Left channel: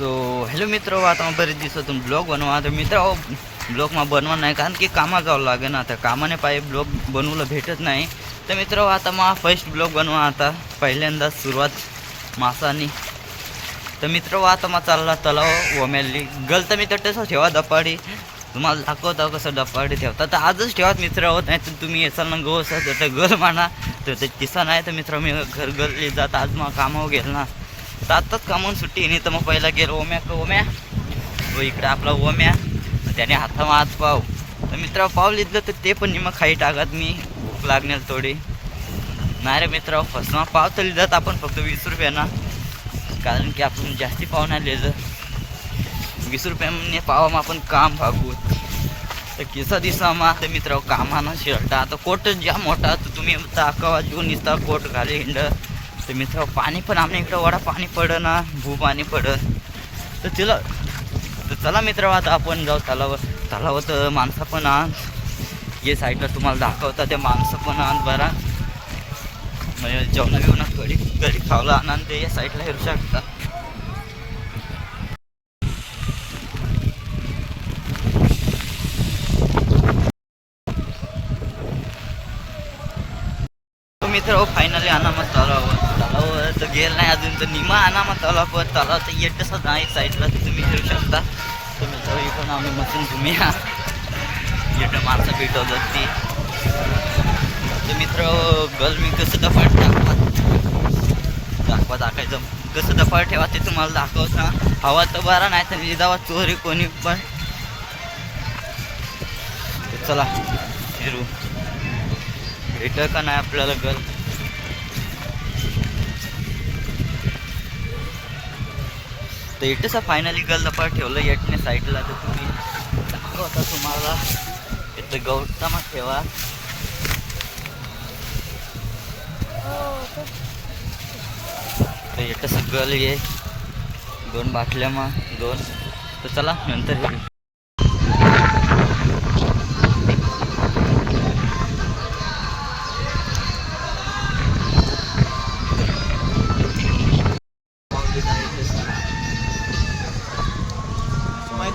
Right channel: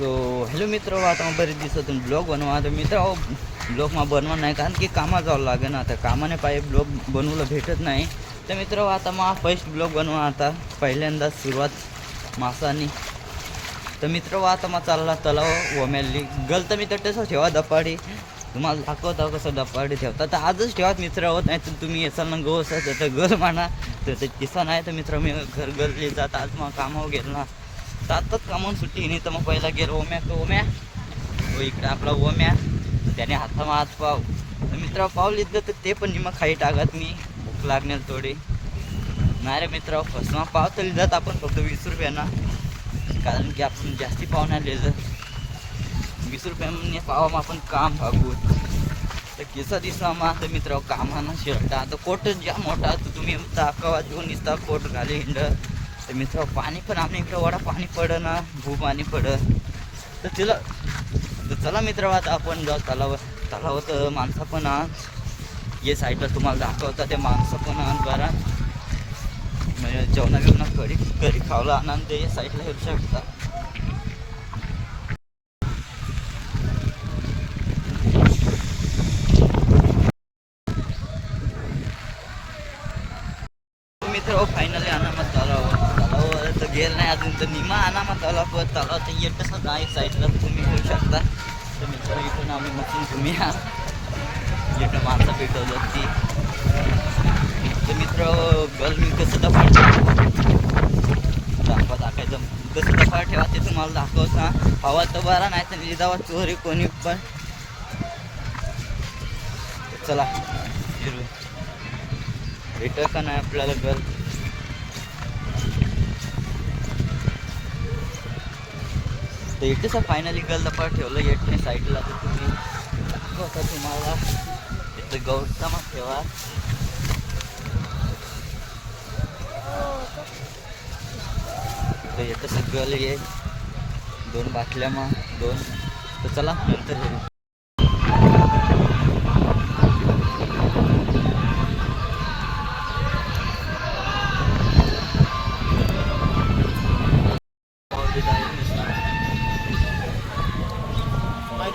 So hello मित्र आता मग बरेच दिवसातून ब्लॉग बनवा तर मित्र ब्लॉगमा बनवा नाही कारण की कामा जावं लागेल ना आता कामाने पाहिजे ब्लॉग बनवलं भेटत नाही तर मित्र आता मग फर्स्ट ब्लॉग बनवा आता पहिल्यांदा सुरुवात मासानी तर मित्र आता मग चालला तलाव वमेली गल तर मित्र तसं ठेवा दपाडी तुम्हाला दाखवता कसं डपाडी ठेवता तर आजच ठेवा मित्र होत नाही तर तुम्ही येसाल ना गो असा तर गल म्हणा तर ते किसा नाही तर मित्र मी घर गरली जात आज मग कामावर गेल ना तर आत्ताच कामावून सुट्टी नाही तर मग पहिला गेलो ओम्या का ओम्या? व इकडे आपला ओम्या. त्याने हातामा हात पाव. तर मित्र पाव लिहिलं तर ते पण मग खाई टाकत मी भूक लागणार थोडी. नाही रे मित्र फसवा. पाव तर लिहितात आपण फक्त वीस रुपयाना. कारण की आपण जास्ती पाव नाही लिहिलं. वीस रुपयाने पावा आपण काम भागू तर किसा दिसा तर मित्र कामानं शर्ट. आता कोट ज्या मोठा तर तुम्ही दाखवा. जो इथं कोट घाले हिंड. तर मित्र पाणी पण आमच्या इकडं वडा पाणी पडं ना भू पाणी पडं तर तिला तर चला मित्र आता आपण जाऊ तलाव तलावात माणसं पण आण. हे साईडला तुम्हाला दाखवता ते माणसं पण आण बरा. म्हणजे जेवणा बिवणा कढी कढी खावला आणा ते या साईडला हिरू शकता तो मित्र हो, फायनली अनामत तलाव तलाव तर गेल नाही अजून तर निमा अनामत तलाव पण तलाव तर येत कसं नाही साईडला तर तुम्ही घेऊ शकता. तर मित्र इकडून आम्ही मसून तुम्ही या येतं माणसं भेटवतात ती. तर मित्र हो, गल मी कसं दफाड दाखवा दाखायचं कसं दफाट ठेवा ते तुम्हाला दाखवता हवा तर बरा नाही तर लिदावा चोरी कोणी पण. चला फिरू. भेटल का नाही आपल्याला गर्ल तर इटचा फायनली गल दपा ठेवलं येटने साईडला तर तुम्ही दाखवता तुम्हाला. इथं गौतमा ठेवा. तर इथं गल ये दोन बाटल्या मग दोन. तर चला नंतर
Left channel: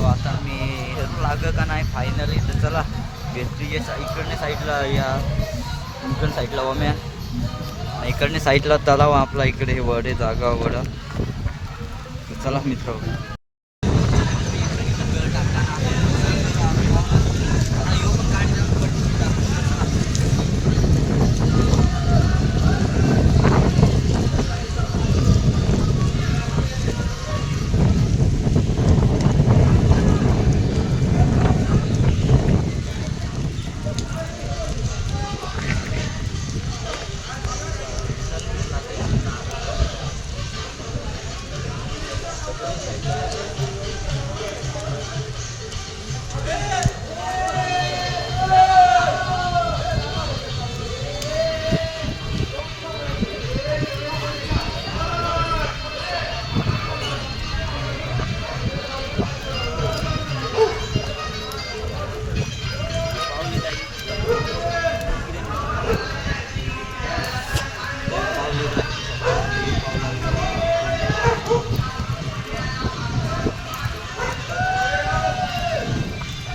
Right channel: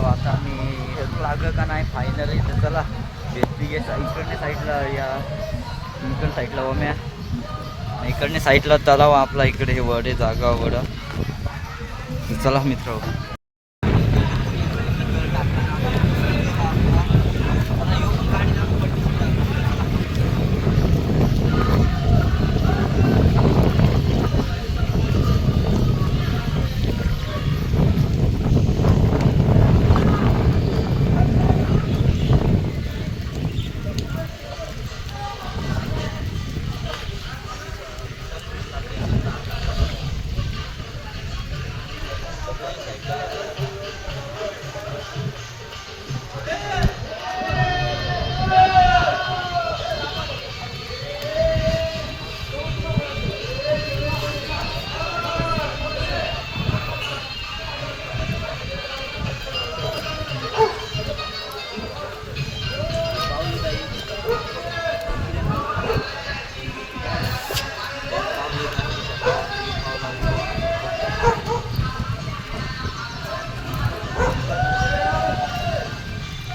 तेव्हा आता मी हेरू लागलं का नाही? फायनल इथं चला. भेटली इकडने साईडला या. इकडच्या साईडला ओम्या इकडच्या साईडला तलाव आपला इकडे हे वडे जागा वडा चला मित्र.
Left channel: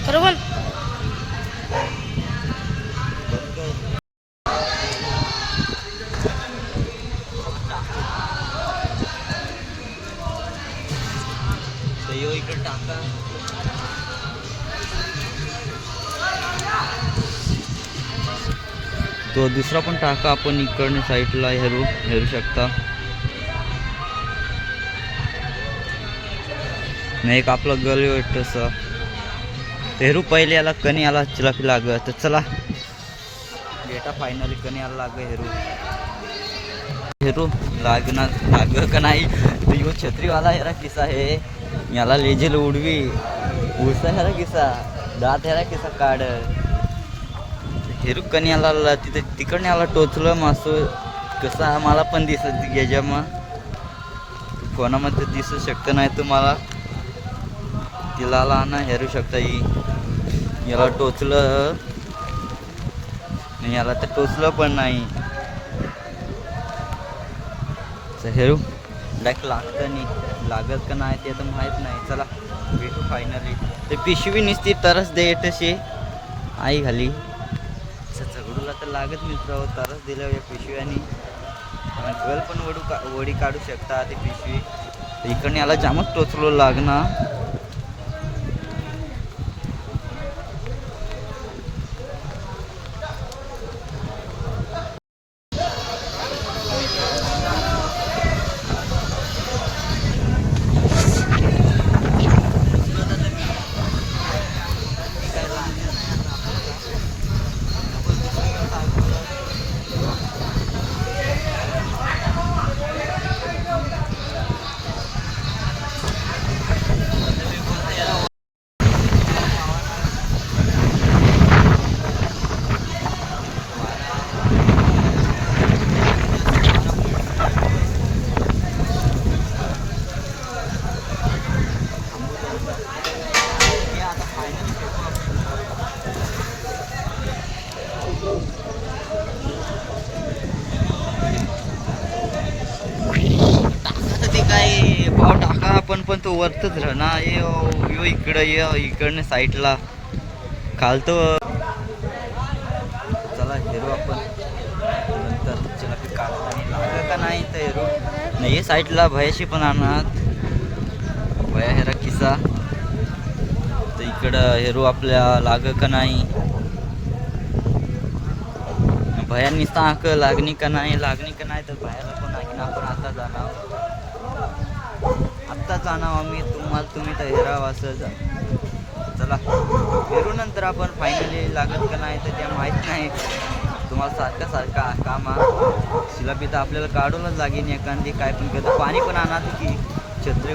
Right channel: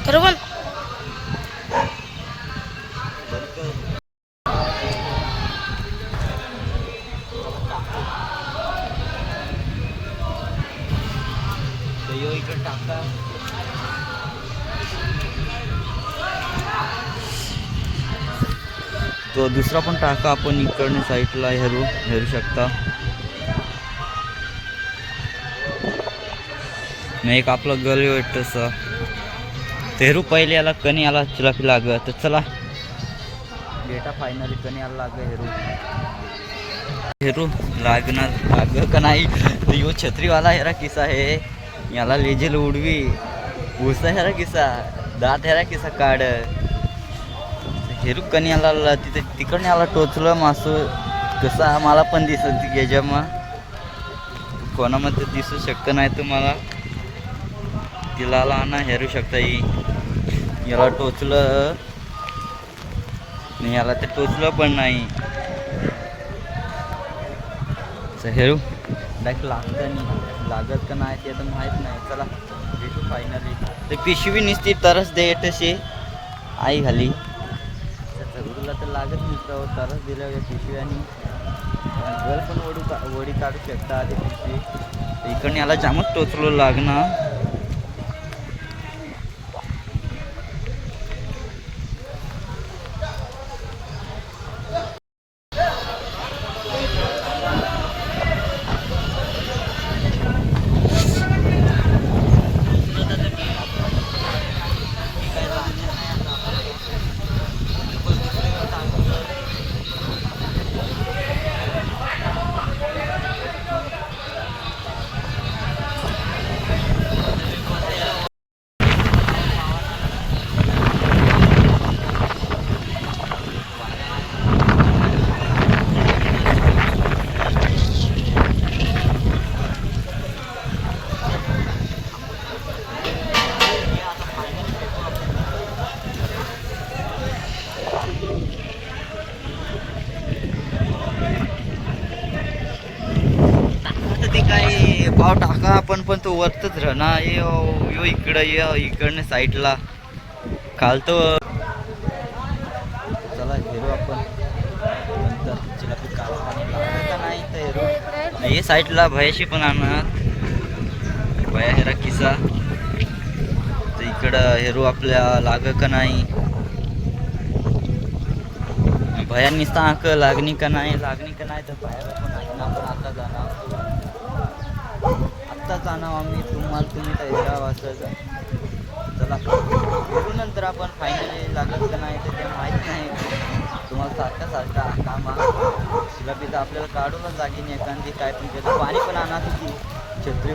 बरोबर इकडे तो दुसरा पण टाका आपण इकडने साईडला हेरू हेरू शकता. नाही एक आपला गल तसं तेरू पहिले याला कणी आला चिलापी लाग तर चला. बेटा फायनली कणी आला लाग हेरू. हेरू लागणार लाग का नाही? यो छत्रीवाला हेरा किसा आहे याला लेजेल उडवी. उसा हेरा किसा दात हेरा किसा काढ. हेरू कणी याला तिथे तिकडनं याला टोचलं मासू. कसा? मला पण दिसत याच्या तू कोणामध्ये दिसू शकतं नाही तुम्हाला. तिला ना हेरू शकता ही. याला टोचलं. याला तर टोचलं पण नाही. तर हेरू. डायरेक्ट लागतं नाही. लागत का नाही ते आता माहीत नाही. चला भेटू फायनली ते पिशवी निसती तरच दे तशी. आई घाली चगडूला तर लागत मित्र हो, तरच दिलं या पिशव्यानी. ज्वेल पण वडू का वडी काढू शकता ते पिशवी. तर इकडनं याला जामच टोचलो लागणार. अहो टाका आपण पण तो वरतच राहणार. यो यो इकडं ये इकडनं साईडला. खालतो. चला हिरो आपण. नंतर तिला काढताना लागलं का नाही तर हिरो? आणि हे साईडला भयाशी पण आणत भया हेरा किसा तर इकडं हिरो आपल्या लाग का नाही? भया निसता आक लागणी का नाही? लागणी का नाही? तर बाहेर पण आहे ना पण आता जाणार. आत्ता जाणार आम्ही. तुम्हाला तुम्ही तर हेरावं असं चला. फिरू नंतर आपण फायनली लागत का नाही तर त्या माहीत नाही. तुम्हाला सारखा सारखा कामा शिलापी तर आपल्याला काढूनच लागेल एखादी काय पण करतो. पाणी पण आणा तुझी छत्री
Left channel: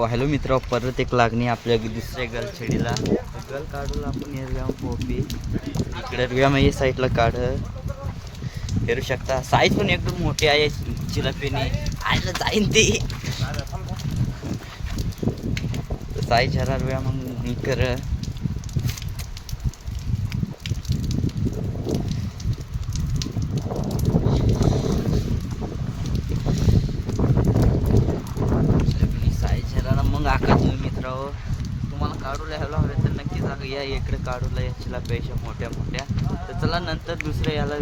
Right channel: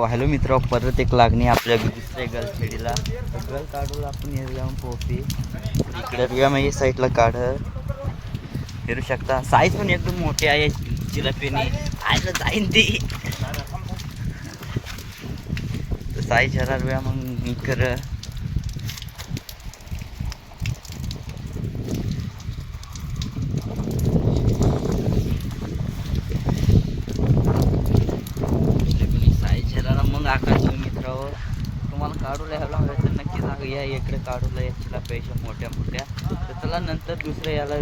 हो, हॅलो मित्र परत एक लागणी आपल्या दुसऱ्या गल छेडीला गल काढूला आपण हे जाऊन पोपी. इकडे रुया मग या साईडला काढ फिरू शकता. साईज पण एकदम मोठी आहे. चिलापीने आयला जाईन ती. साईज हजार रुया मग मी कर जरा मित्र तुम्हाला काढूला ह्याला हवं तर नक्की सांगा. या इकडे काढूला याच्याला पैसे मोठ्या मोठ्या. तर चला नंतर दुसऱ्या याला